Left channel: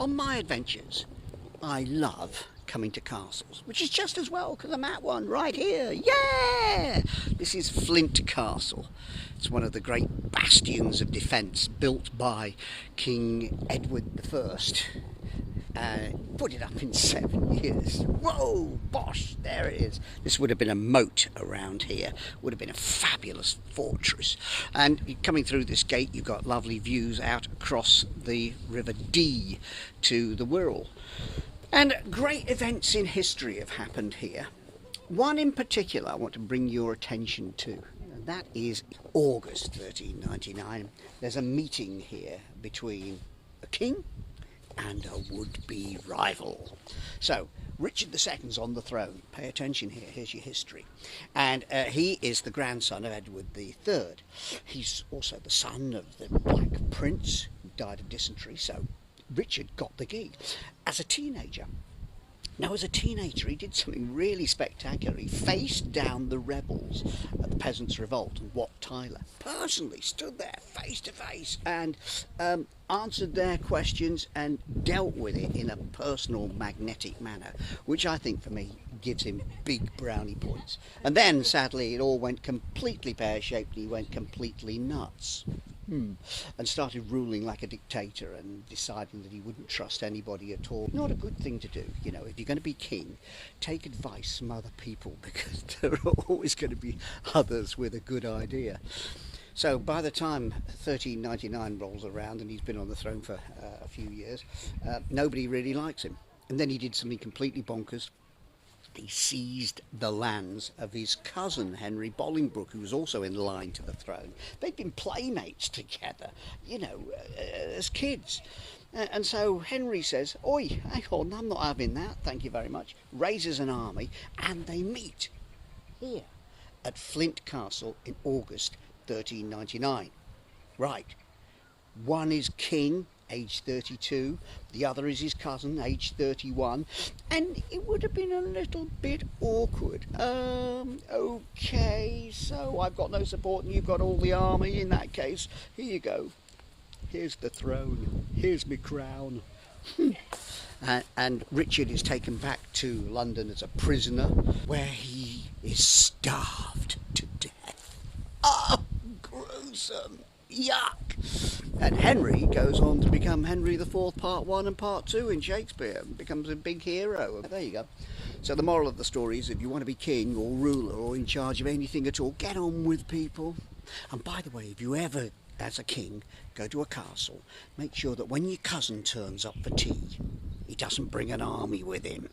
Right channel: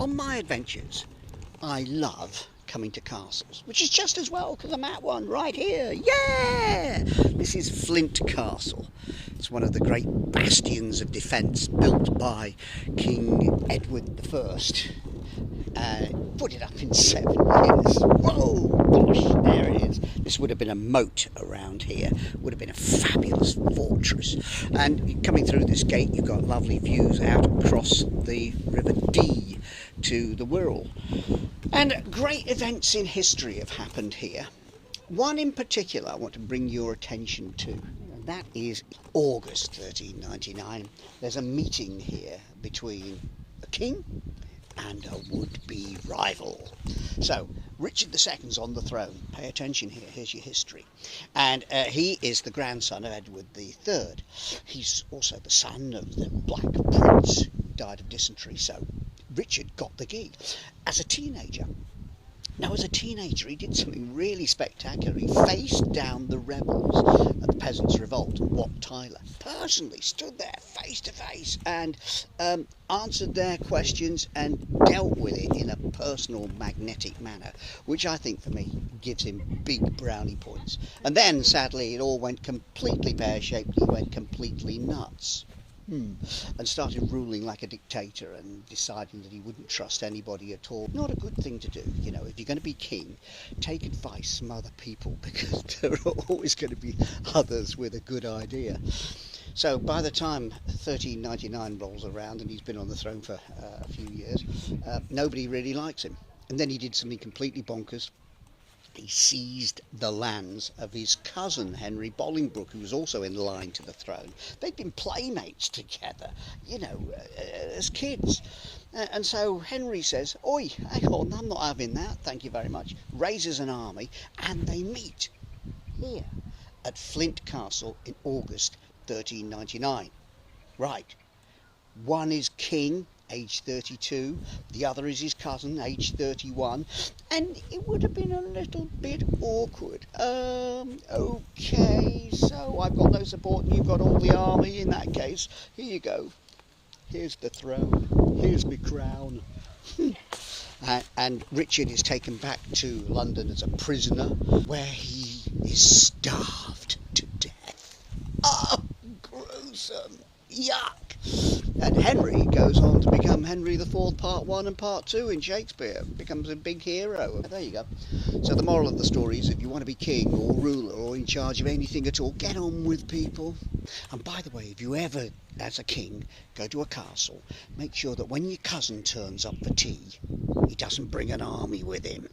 On my adventures, I love coming to castles, which is just as well because I'm at one right here. Yeah! This is Flint Castle. It's one of the great bastions of defence built by King Edward I. Put it up in 7 years. Whoa, bosh, there it is. This would have been a moat around here. Would have been a fabulous fortress. And coming through this gate, you've got lovely views out across the River Dee to the Wirral. And great events in history have happened here. One in particular I want to bring your attention to, and that is August 1399. There's a meeting here between a king and a would-be rival. So, Richard II's on the throne. Pay attention here, here's your history. And he is the grandson of Edward III. He's also the son of the Black Prince, who died of dysentery, so Richard got the gig as a teenager. Now, as a teenager, he did something really spectacular. He faced down the rebels at the Peasants' Revolt, Wat Tyler. Personally stood there face to face and answered their questions and dealt with it in a personal, magnetic manner, which I think, for me, gives him big brownie points. And then, sadly, it all went completely pear-shaped. He went completely nuts. And started ruling like a dictator and deciding that he wouldn't trust anybody at all. Not a good thing to do, you know. If you're going to be king, take advice from other people, because there are always going to be others with a good idea. So by the time 1399 rolls around and he's been on the throne for a few years, nobody really likes him. And then he did something completely bonkers. He seized the lands of his cousin, Henry Bolingbroke, who was also in line to the throne. They'd been playmates together, you know, as kids. And so Henry says, "Oi, hang on, I'm not having that, thank you very much." Raises an army, and they meet here at Flint Castle in August 1399. Right, one is king, age 32, the other is his cousin, age 31, and it would have been a little bit awkward. Okay, so I've got no support and you've got all the army. In that case, here you go. Here's the throne, here's my crown. And Richard is taken back to London as a prisoner, where he is starved to death. Oh, gruesome. Yuck. And Henry goes on to become Henry IV Part 1 and Part 2 in Shakespeare, and becomes a big hero. There you go. So the moral of the story is, if you want to be king or ruler or in charge of anything at all, get on with people. And by the way, if you ever, as a king, go to a castle, make sure that when your cousin turns up for tea, he doesn't bring an army with him.